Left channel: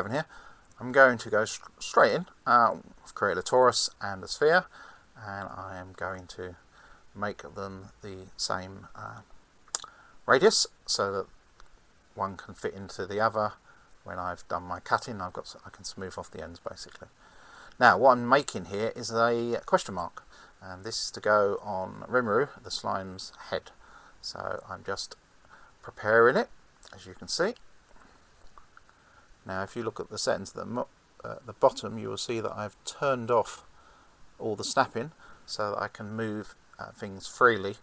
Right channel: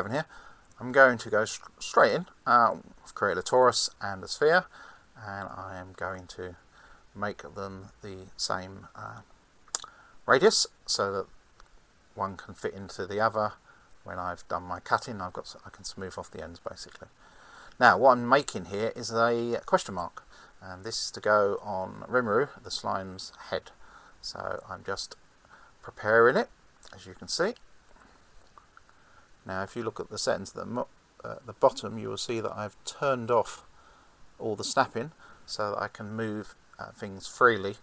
Kevin here. I'm going to go straight in. I've created a torus and a sphere, and I am going to make them the same radius so that one can fit into the other. When I've done my cutting, I can smooth off the ends basically. Now what I'm making here is a question mark, and this is to go on Rimeru, the slime's head. So I'm just preparing it, as you can see. Now if you look at the settings at the bottom, you will see that I've turned off all the snapping so that I can move things freely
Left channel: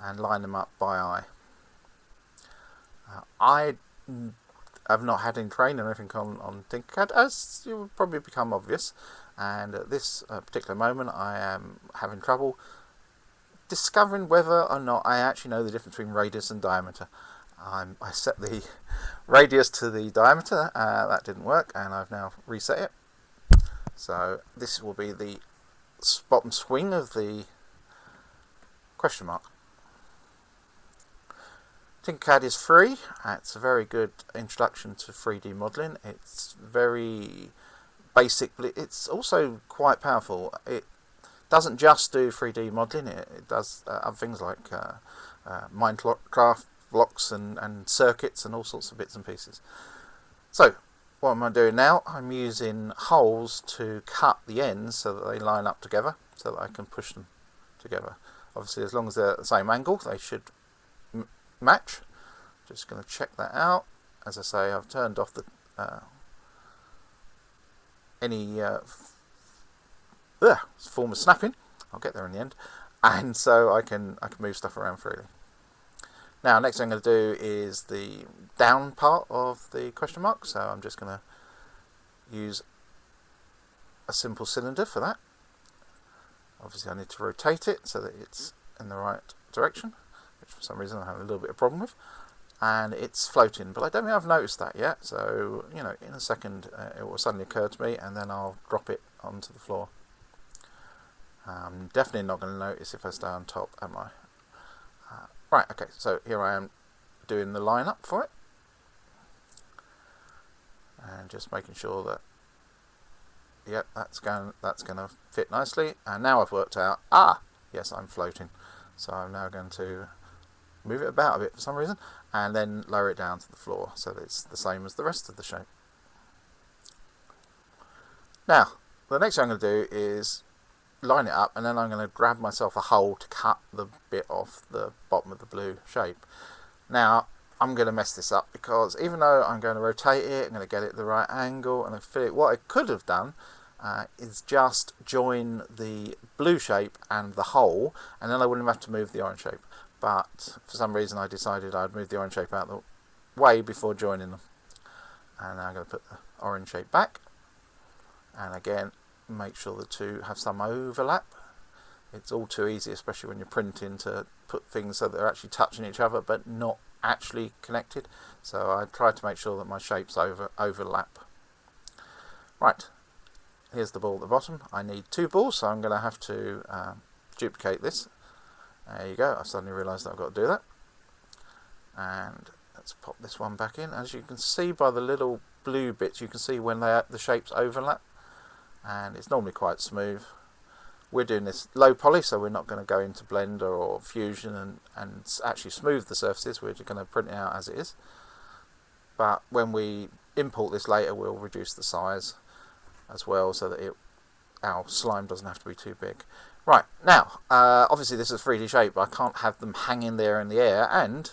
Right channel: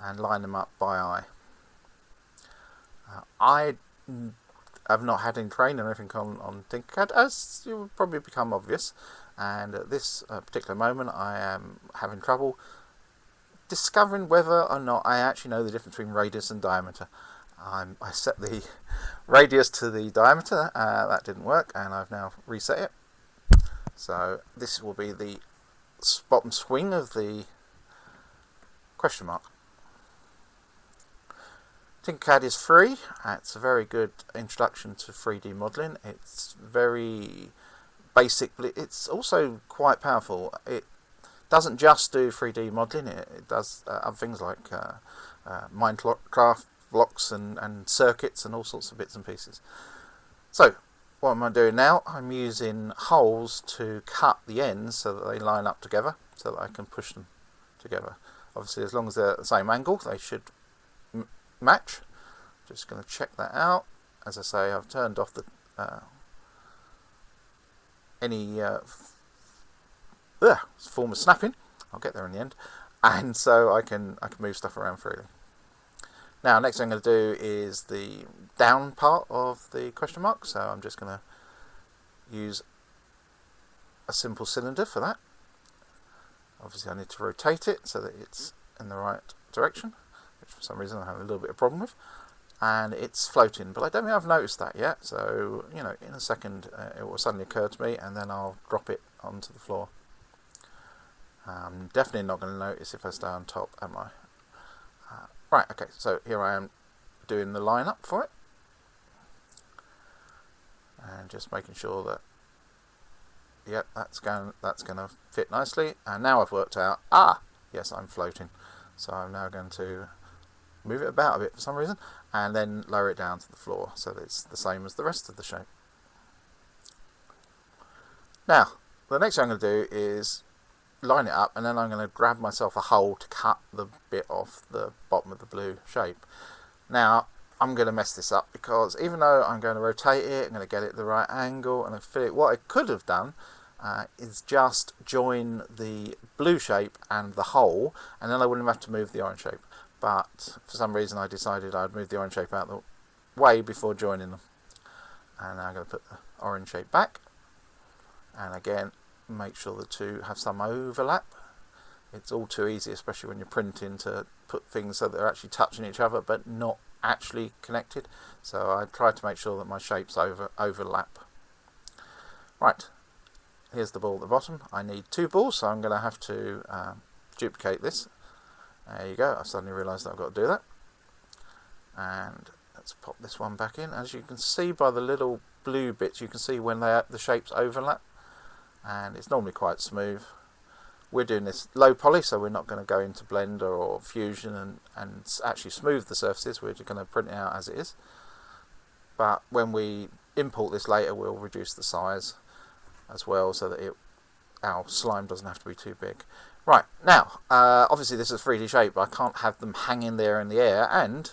and line them up by eye. I have not had any training or anything on Tinkercad, as it will probably become obvious, and at this particular moment I am having trouble discovering whether or not I actually know the difference between radius and diameter. I set the radius to the diameter, that didn't work, and I've now reset it. So this will be the bottom swing of the question mark. Tinkercad is free. It's a very good introduction to 3D modelling. It's very basic. It's also quite powerful. It doesn't just do 3D modelling. It does other things like Minecraft blocks, circuits, and all sorts of bits and pieces. So what am I doing now? I'm using holes to cut the ends so that they line up together, so that I can push them together. Obviously, as long as they're at the same angle, they should match. Just going to check that out. As I say, I've turned off the any form of snapping. I'll get there in the end, and so I can move stuff around freely. Now, next thing I'm going to do is the down part of the question mark. So I'm just going to use a simple cylinder for that. Obviously, I need to rotate it so that it's in the right direction, which for some reason I have a little bit of problem with. And it's floating, but I don't think I've noticed that yet. So, you know, in a second it will suddenly occur to me, and then I'll drop it onto the floor. Definitely not going to notice if I stay on top, am I? Right, okay, so here I am doing the line up for it. And just making sure that, yep, that's going to fit nicely. And now I've worked out, yes, I'm floating. So I'm now going to move it about a bit for some reason, and then lower it down to the floor so that it's the same as the rest of the shape. Now, the next thing I'm going to do is line it up, and then I'm going to grab myself a hole to cut the bit off the bottom of the blue shape. Now, I'm going to mess this up because even though I'm going to rotate it, I'm going to get it at the right angle and fit it. What I could have done is just join the blue shape and the hole, and then I wouldn't have to move the orange shape. But for some reason I decided I'd move the orange shape out of the way before joining them. And now I'm going to put the orange shape back. And again, make sure the two have some overlap. It's all too easy, especially when you're printing, to put things so they're actually touching each other but not actually connected. So I tried to make sure that my shapes overlap. Right, here's the ball at the bottom. I need two balls, so I'm going to have to duplicate this. There you go, I suddenly realised that I've got to do that. And let's pop this one back in. As you can see by the little blue bits, you can see when the shapes overlap. And it's normally quite smooth. We're doing this low poly, so we're not going to go into Blender or Fusion and actually smooth the surfaces. We're just going to print it out as it is. But when we import this later, we'll reduce the size as well so that our slime doesn't have to be too big. Right, now, obviously this is a 3D shape, but I can't have them hanging there in the air, and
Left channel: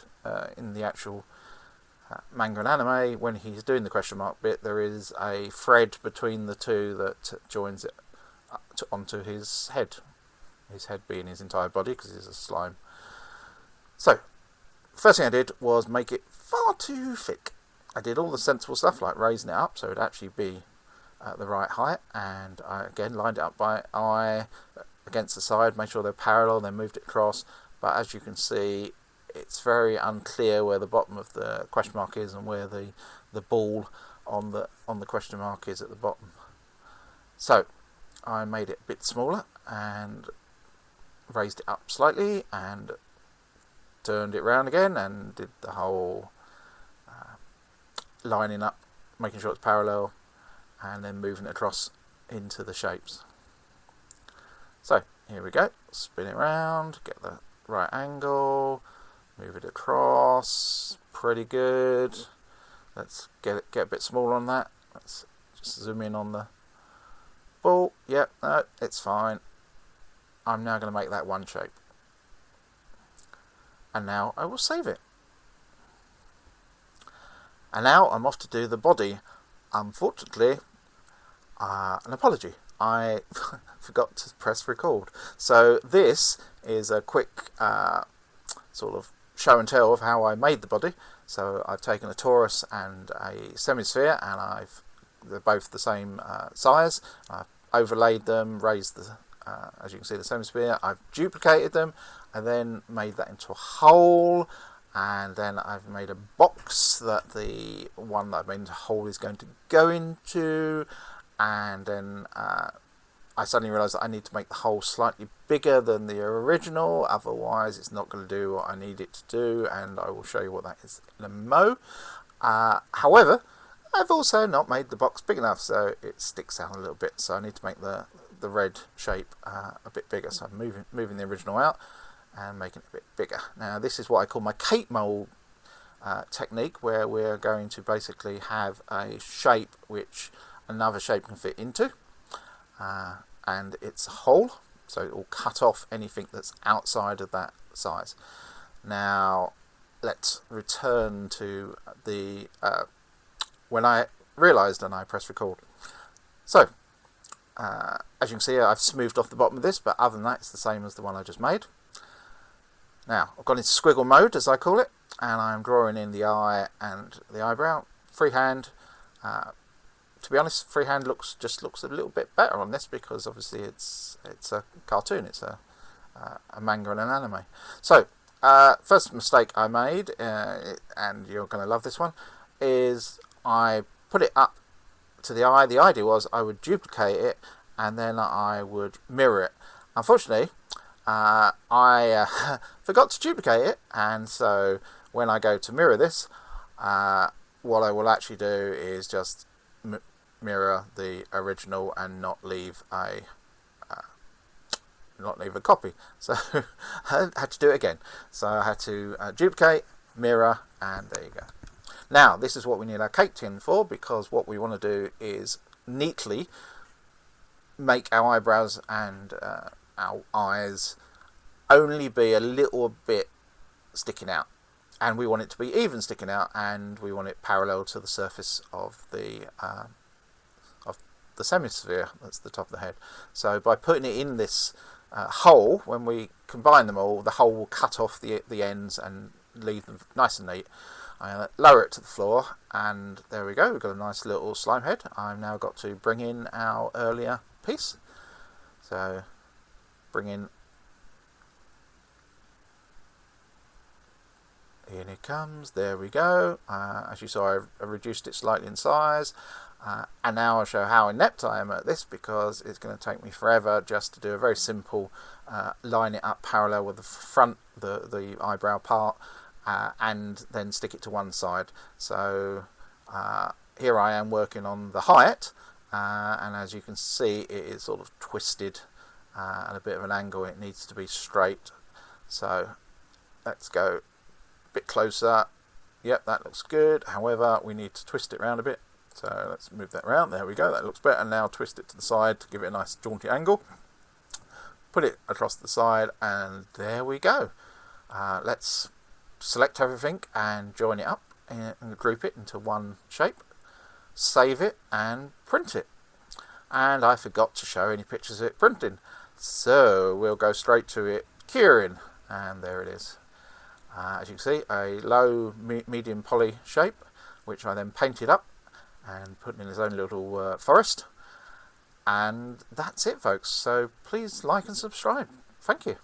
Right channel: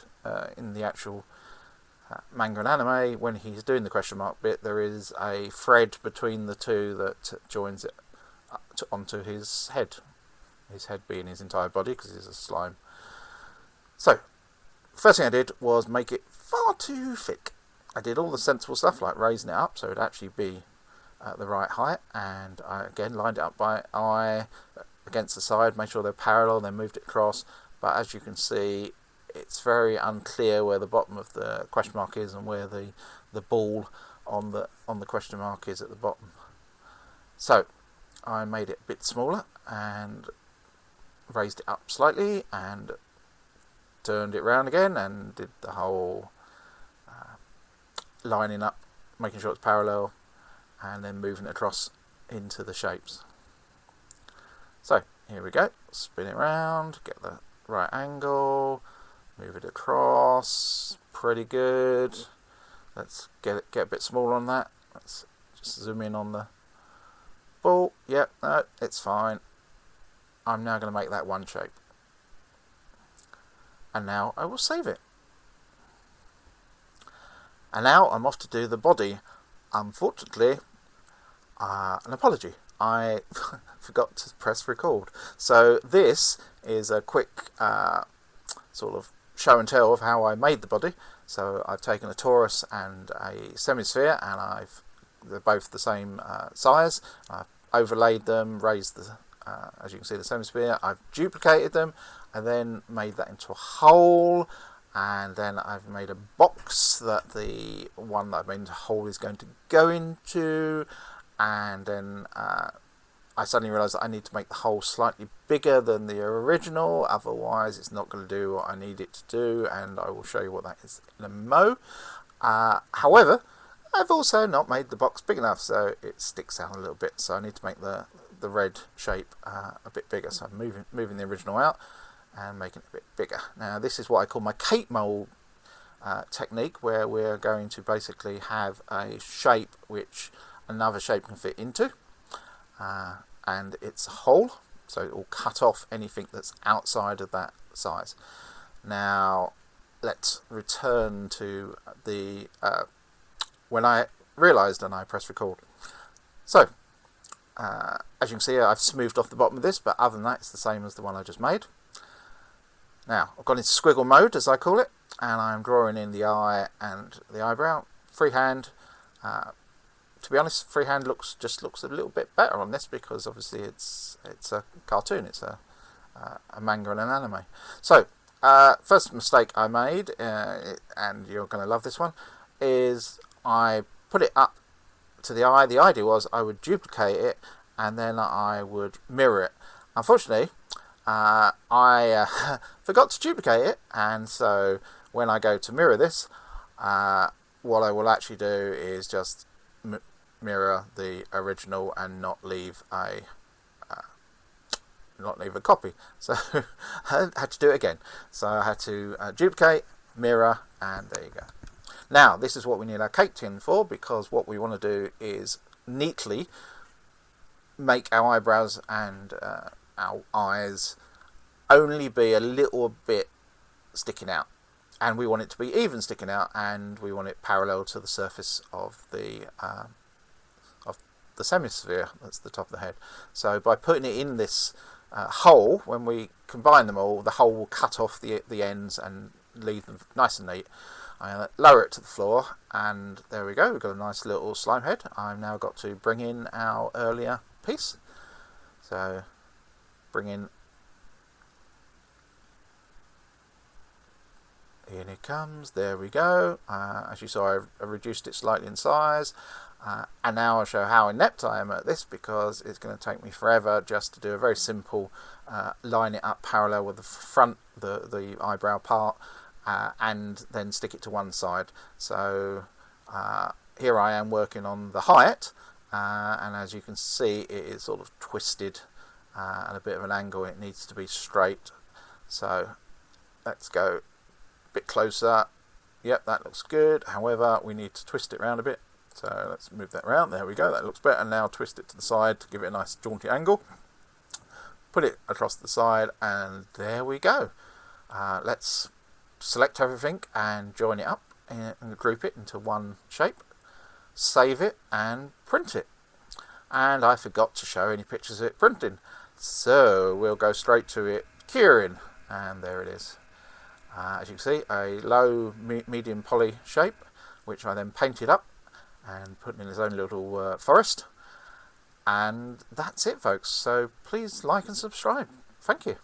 in the actual manga and anime, when he's doing the question mark bit, there is a thread between the two that joins it onto his head being his entire body, because he's a slime. So, first thing I did was make it far too thick. I did all the sensible stuff, like raising it up so it would actually be at the right height, and I again lined it up by eye, against the side, make sure they're parallel, and moved it across. But as you can see, it's very unclear where the bottom of the question mark is and where the ball on the question mark is at the bottom. So I made it a bit smaller and raised it up slightly and turned it round again and did the whole lining up, making sure it's parallel, and then moving it across into the shapes. So here we go, spin it around, get the right angle, move it across, pretty good. Let's get a bit smaller on that. Let's just zoom in on the ball. Yep, no, it's fine. I'm now going to make that one shape. And now I will save it. And now I'm off to do the body. Unfortunately, an apology, I forgot to press record. So this is a quick sort of show and tell of how I made the body. Semi-sphere, both the same size. I've overlaid them, raised the, as you can see, the semi-sphere. I've duplicated them, and then made that into a hole. And then I've made a box that the one that I've made into a hole is going to go into. And then I suddenly realised that I need to make the hole slightly bigger than the original, otherwise it's not going to do what I need it to do, and I will show you what that is in a mo. However, I've also not made the box big enough, so it sticks out a little bit, so I need to make the red shape a bit bigger. So I'm moving the original out and making it a bit bigger. Now this is what I call my cake mold technique, where we're going to basically have a shape which another shape can fit into, and it's a hole, so it will cut off anything that's outside of that. Now let's return to the when I realised and I pressed record. So as you can see, I've smoothed off the bottom of this, but other than that it's the same as the one I just made. Now I've gone into squiggle mode, as I call it, and I'm drawing in the eye and the eyebrow freehand. Freehand looks a little bit better on this because obviously it's a cartoon, it's a manga and an anime. So first mistake I made, and you're going to love this one, is I put it up to the eye. The idea was I would duplicate it and then I would mirror it. Unfortunately, I forgot to duplicate it, and so when I go to mirror this, what I will actually do is just mirror the original and not leave a copy. So I had to do it again. So I had to duplicate, mirror, and there you go. Now this is what we need our cake tin for, because what we want to do is neatly make our eyebrows and our eyes only be a little bit sticking out, and we want it to be even sticking out, and we want it parallel to the surface of the semisphere. That's the top of the head. So by putting it in this hole, when we combine them all, the hole will cut off the ends and leave them nice. Lower it to the floor, and there we go. We've got a nice little slime head. I've now got to bring in our earlier piece. So bring in. In it comes, there we go. As you saw, I reduced it slightly in size, and now I'll show how inept I am at this, because it's going to take me forever just to do a very simple line it up parallel with the front, the eyebrow part, and then stick it to one side. So here I am working on the height, and as you can see, it is sort of twisted at a bit of an angle. It needs to be straight. So let's go bit closer. Yep, that looks good. However, we need to twist it around a bit, so let's move that around. There we go, that looks better. Now twist it to the side to give it a nice jaunty angle. Put it across the side, and there we go. Let's select everything and join it up and group it into one shape, save it and print it. And I forgot to show any pictures of it printing, so we'll go straight to it curing. As you can see, a low medium poly shape, which I then painted up and put in his own little forest. And that's it, folks. So please like and subscribe. Thank you.